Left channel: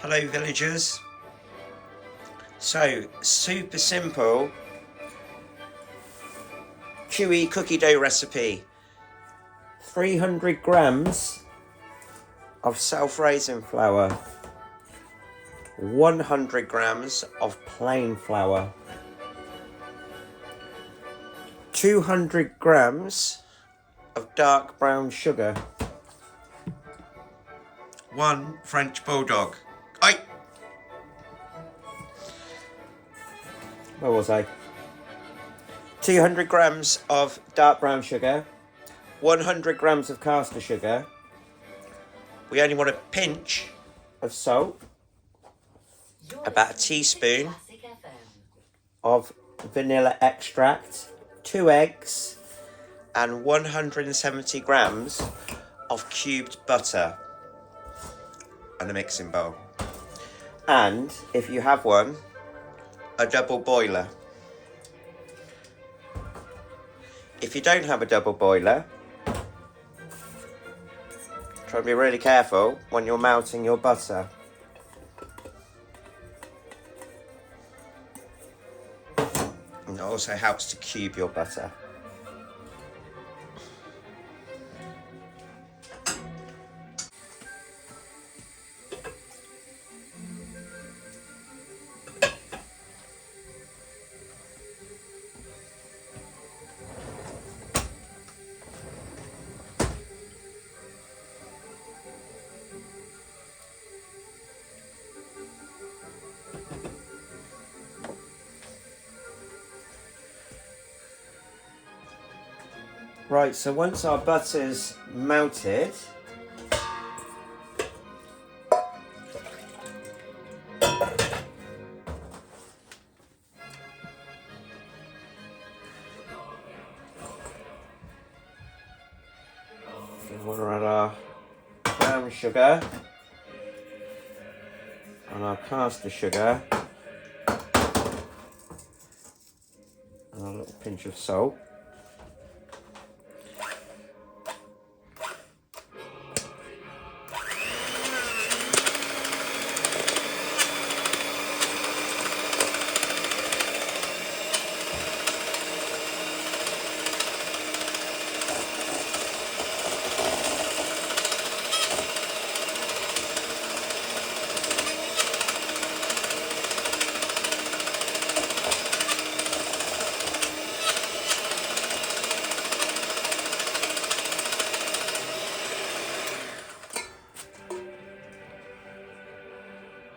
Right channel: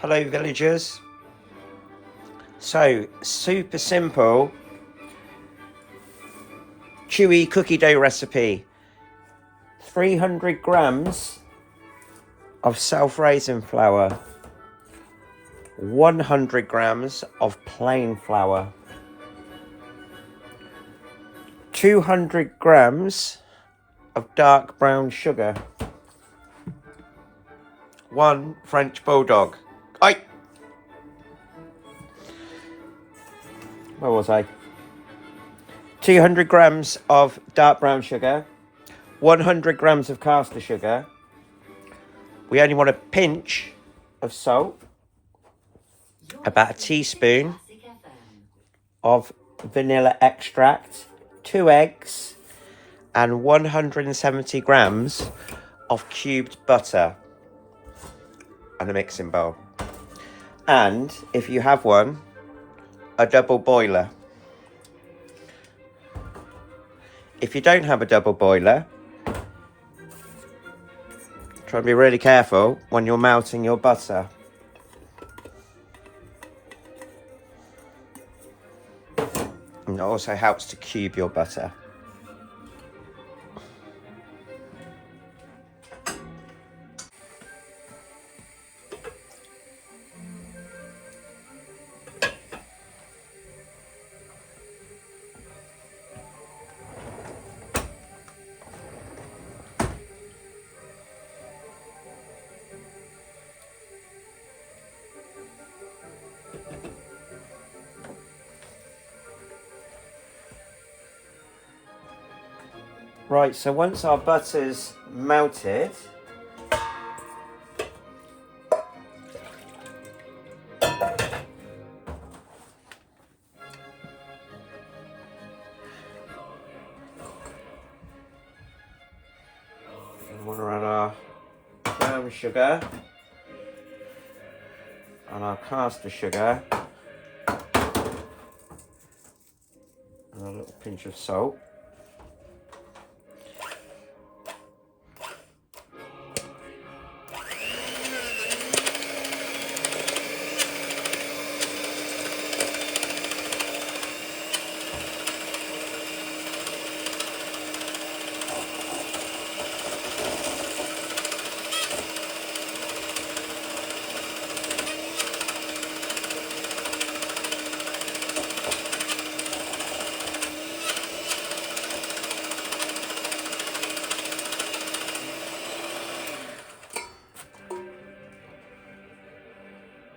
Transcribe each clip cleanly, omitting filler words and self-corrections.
Hello villagers. So, super simple chewy cookie dough recipe. 300 grams of self-raising flour, 100 grams of plain flour, 200 grams of dark brown sugar, 1 French bulldog. Where was I? 200 grams of dark brown sugar, 100 grams of caster sugar. We only want a pinch of salt, about a teaspoon of vanilla extract, 2 eggs, and 170 grams of cubed butter on a mixing bowl. And if you have one, a double boiler. If you don't have a double boiler, try and be really careful when you're melting your butter. And it also helps to cube your butter. Right, so once our butter's melted, we want to add our brown sugar and our caster sugar and a little pinch of salt.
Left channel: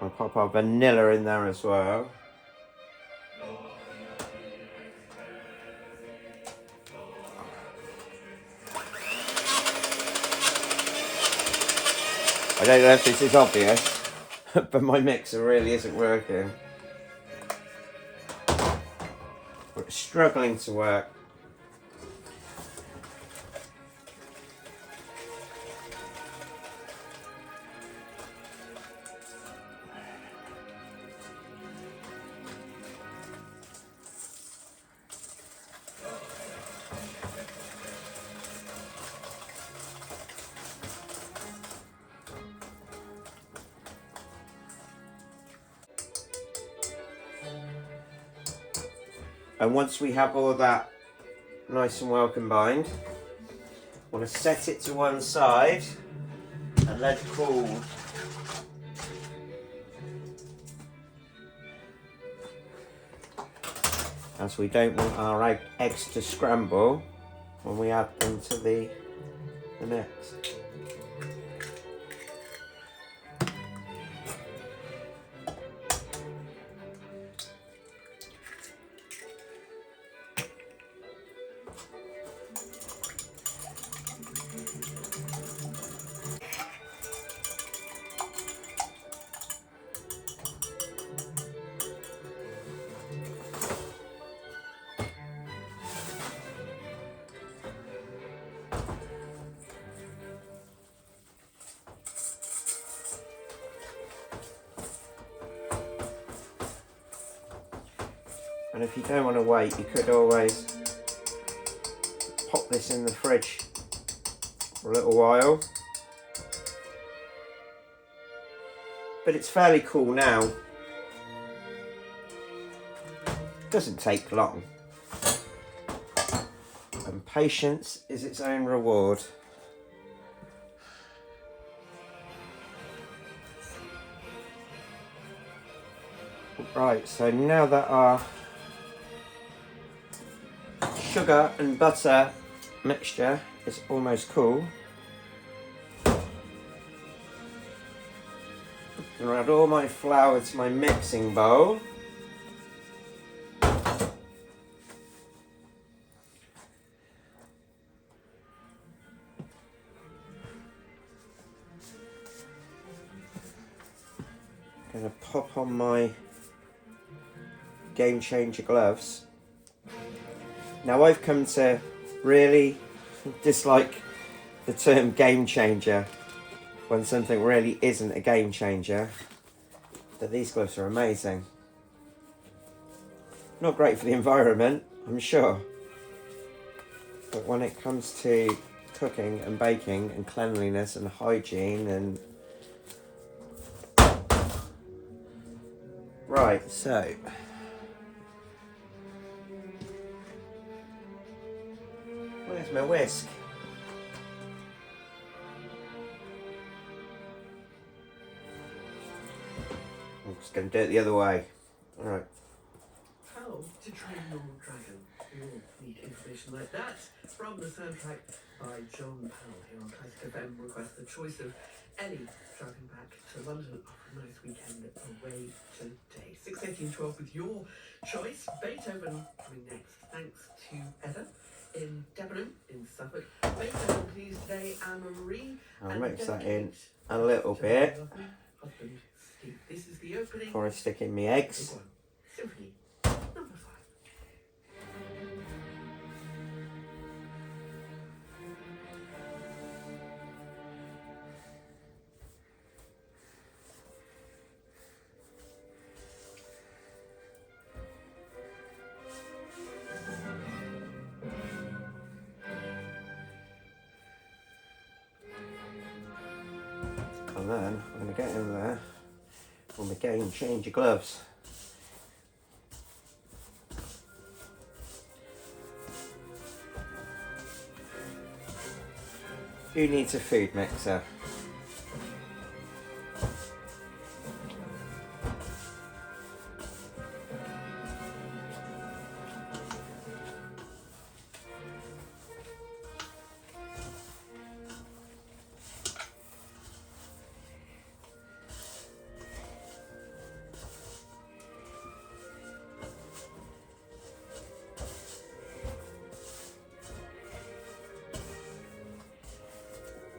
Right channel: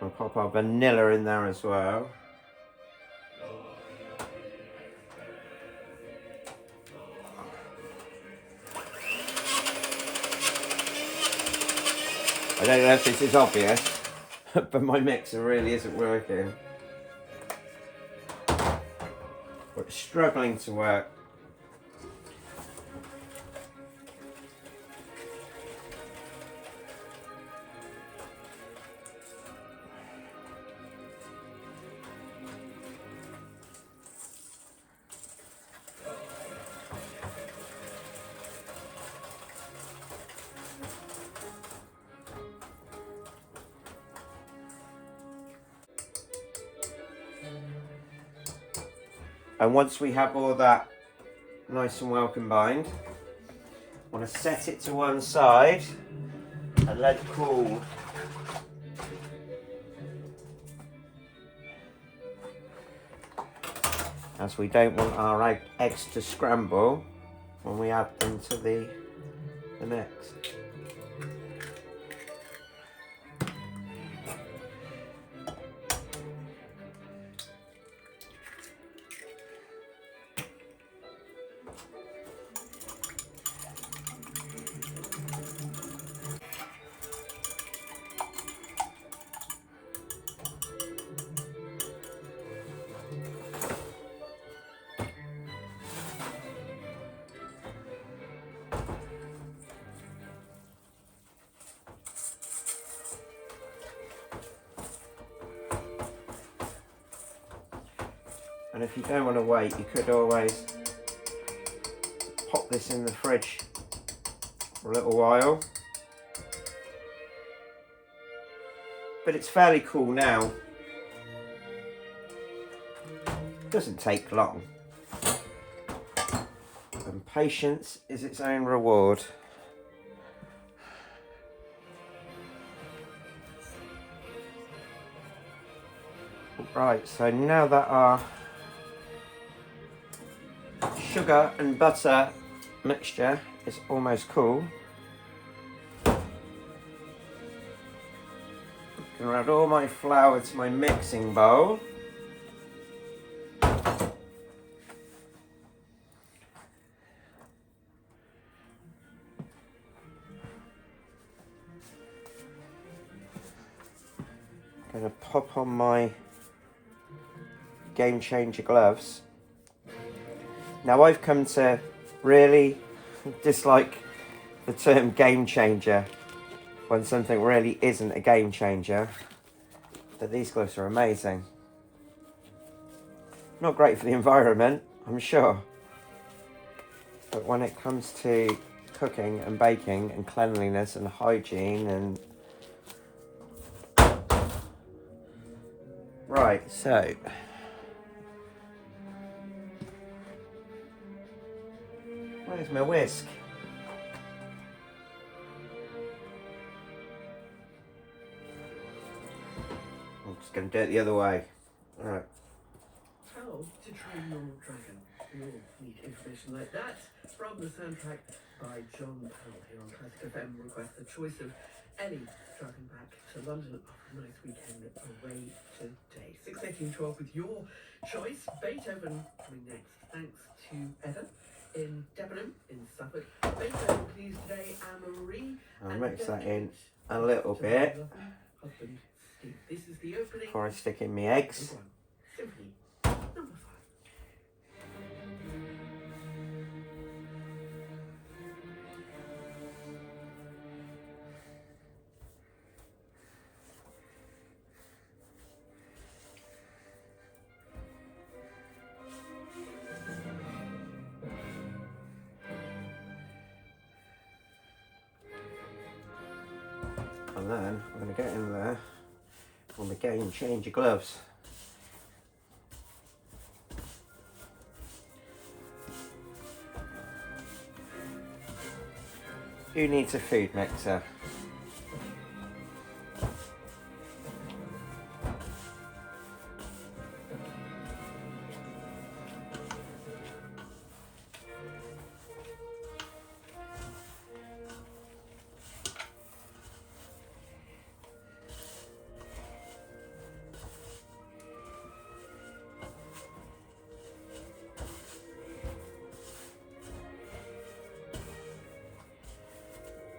I'll pop our vanilla in there as well. I don't know if this is obvious, but my mixer really isn't working. But it's struggling to work. And once we have all that nice and well combined, I want to set it to one side and let it cool. As we don't want our eggs to scramble when we add them to the mix. And if you don't want to wait, you could always pop this in the fridge for a little while but it's fairly cool now. Doesn't take long. And patience is its own reward. Right, so now that our sugar and butter mixture is almost cool, I'm going to add all my flour to my mixing bowl. I'm going to pop on my Game Changer gloves. Now I've come to really dislike the term game changer when something really isn't a game changer, but these gloves are amazing. Not great for the environment, I'm sure, but when it comes to cooking and baking and cleanliness and hygiene and... Right, so where's my whisk? I'm just going to do it the other way. Alright. How to Train Your Dragon. More neat information like that from the soundtrack by John Powell here on Classic FM. Request the choice of Ellie driving back to London after a nice weekend away today. 6:18:12 with your choice. Beethoven coming next. Thanks to Eva in Debenham in Suffolk. Beethoven please today, Anne-Marie. I'll mix that in a little bit This is the opening before I stick in my eggs. Symphony number 5. And then I'm going to get in there with my Game Changer gloves. Who needs a food mixer?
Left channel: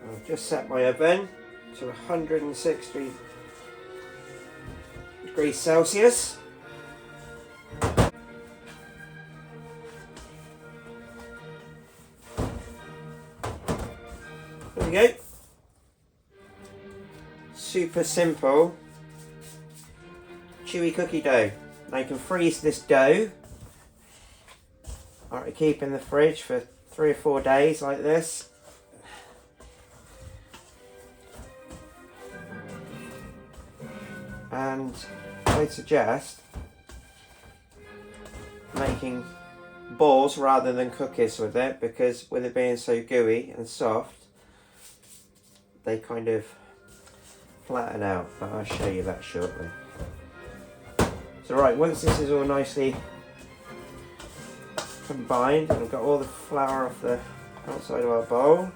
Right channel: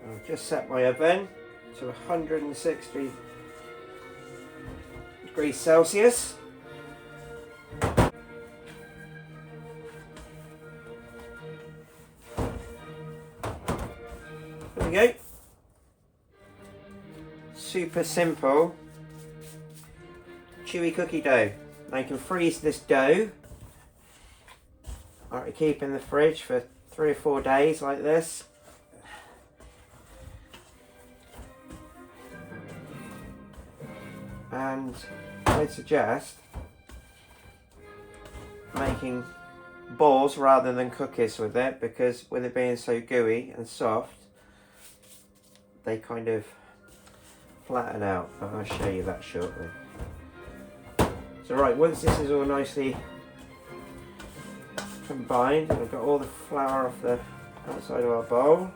I've just set my oven to 160 degrees Celsius. There we go. Super simple chewy cookie dough. Now you can freeze this dough or to keep in the fridge for 3 or 4 days like this. And I'd suggest making balls rather than cookies with it, because with it being so gooey and soft, they kind of flatten out, but I'll show you that shortly. So right, once this is all nicely combined and I've got all the flour off the outside of our bowl,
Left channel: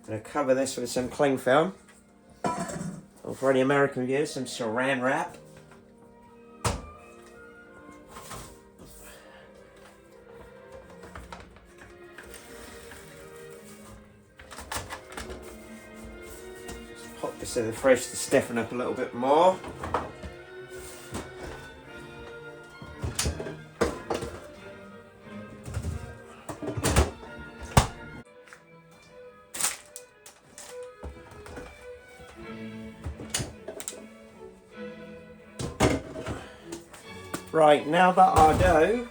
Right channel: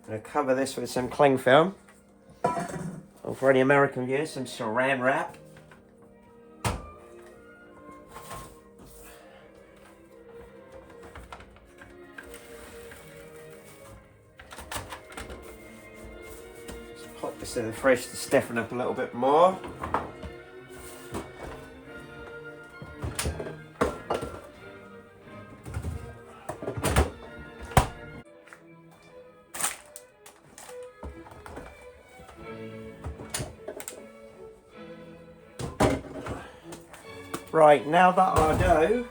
I'm going to cover this with some cling film, or for any American viewers, some saran wrap. Just pop this in the fridge to stiffen up a little bit more. Right, now that our dough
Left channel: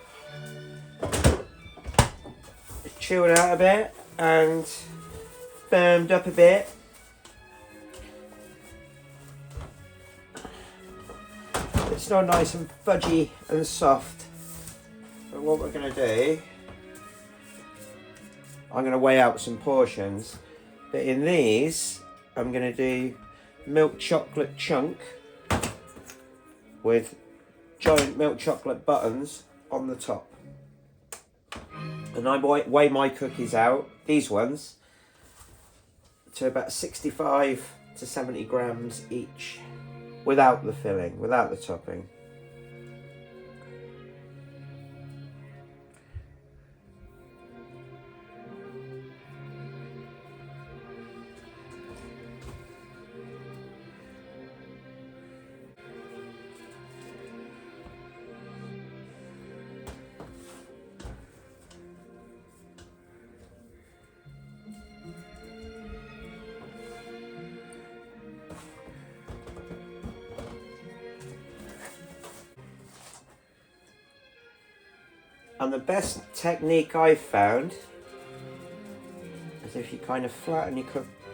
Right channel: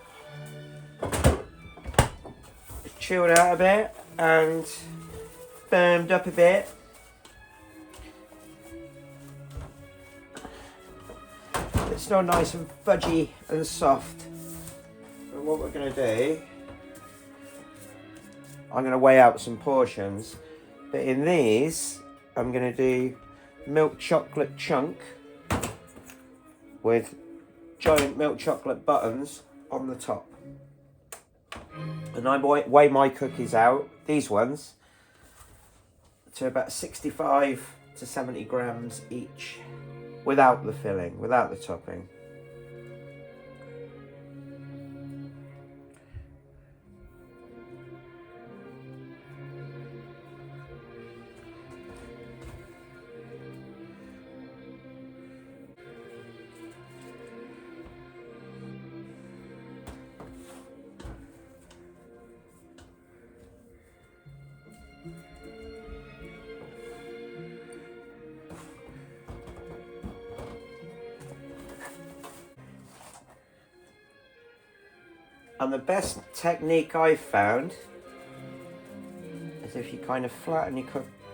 chilled out a bit and firmed up a bit. It's still nice and fudgy and soft. But what we're going to do, I'm going to weigh out some portions. But in these, I'm going to do milk chocolate chunk with giant milk chocolate buttons on the top. And I weigh my cookies out, these ones, to about 65 to 70 grams each, without the filling, without the topping. And the best technique I've found is if you kind of flatten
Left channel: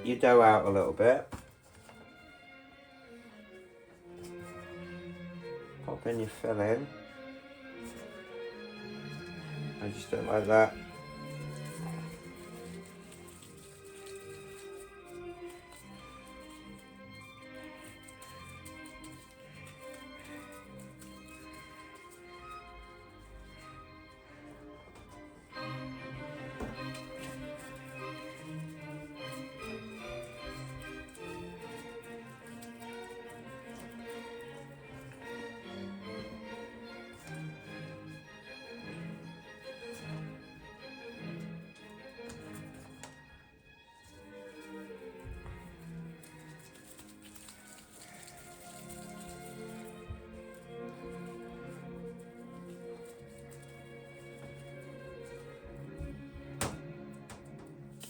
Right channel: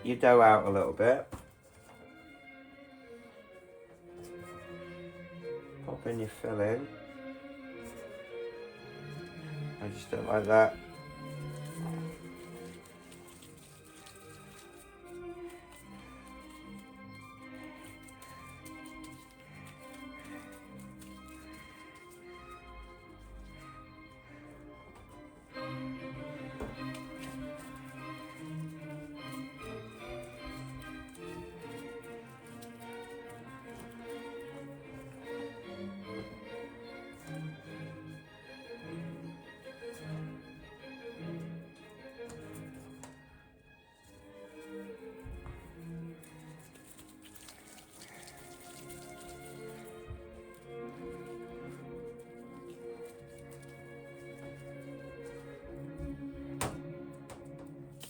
your dough out a little bit. Pop in your filling. I just don't like that.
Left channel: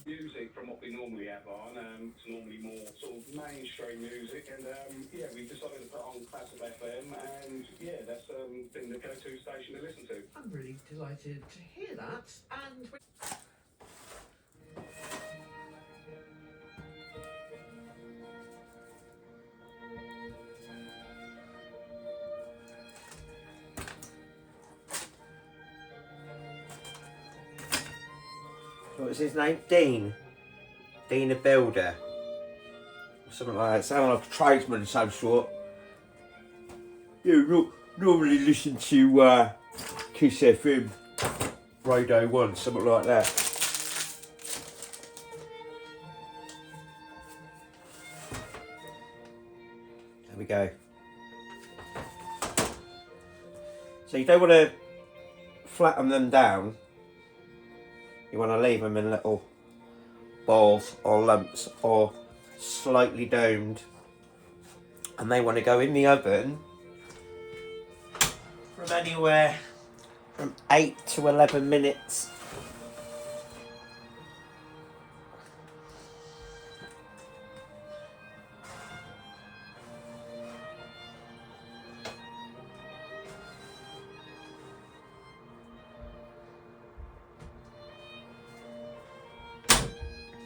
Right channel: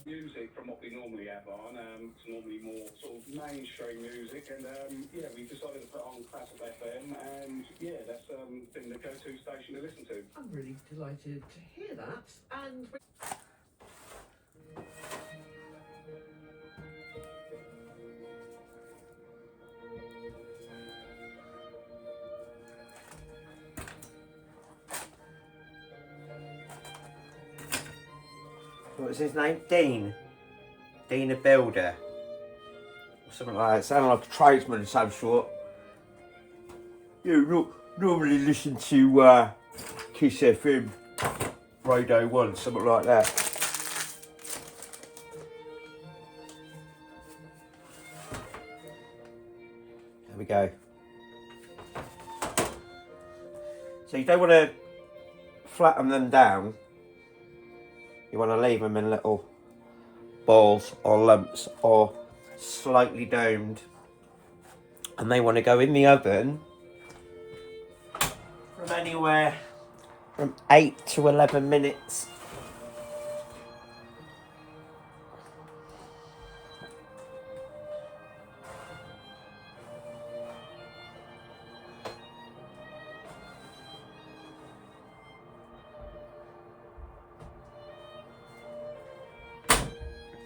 Music from what we normally have on. It's normally more sort of mainstream music, and yeah, we decided to put on Classic FM, and yeah, that's been the go-to station to listen to. I'm really delighted to hear that. And What was his name? Dean. Dean a builder. Or something like that. Sounded like a tradesman of some sort. You normally listen to Kiss FM Radio 1, something like that. There we go. So you don't want to flatten them down. You want to leave them in little balls or lumps or slightly domed. And they want to go in the oven from anywhere from 8 to 11 minutes.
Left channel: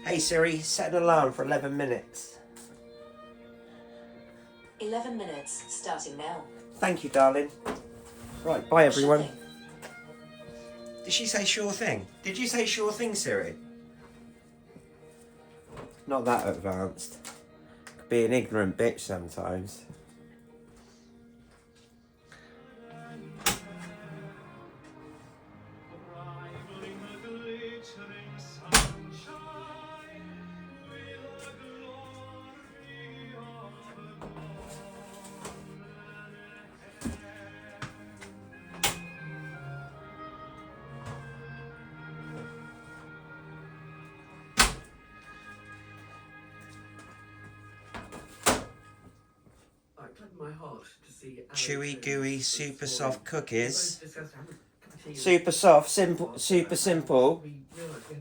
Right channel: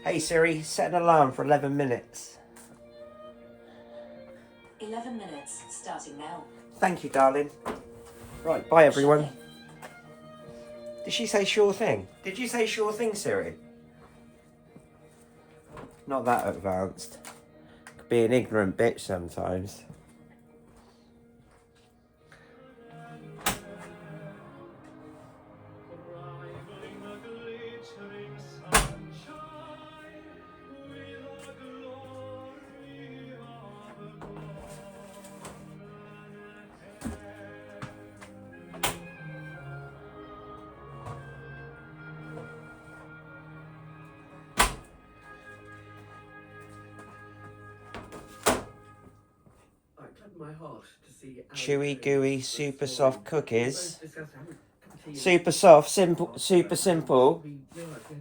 Hey Siri, set an alarm for 11 minutes. 11 minutes, starting now. Thank you, darling. Right, bye everyone. Did she say sure thing? Did you say sure thing, Siri? Not that advanced. Could be an ignorant bitch sometimes. my heart to see Chewy, gooey, super soft cookies. Super Super soft, super simple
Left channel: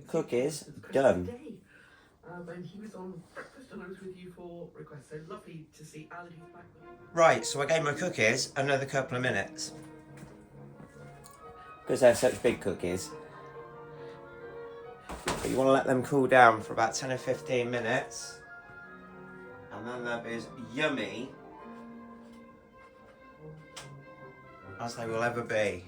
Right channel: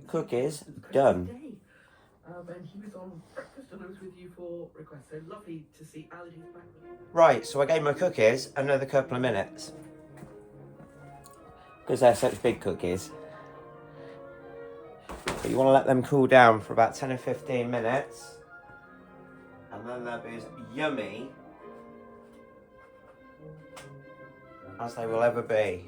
cookies. Done. And he was on breakfast and I was with you for requests. So lovely to see Ali's back. Right, so I gave my cookies another couple of minutes. Because they're such big cookies. But you want to let them cool down for about 10 or 15 minutes. And then they'll be as yummy as they will ever be.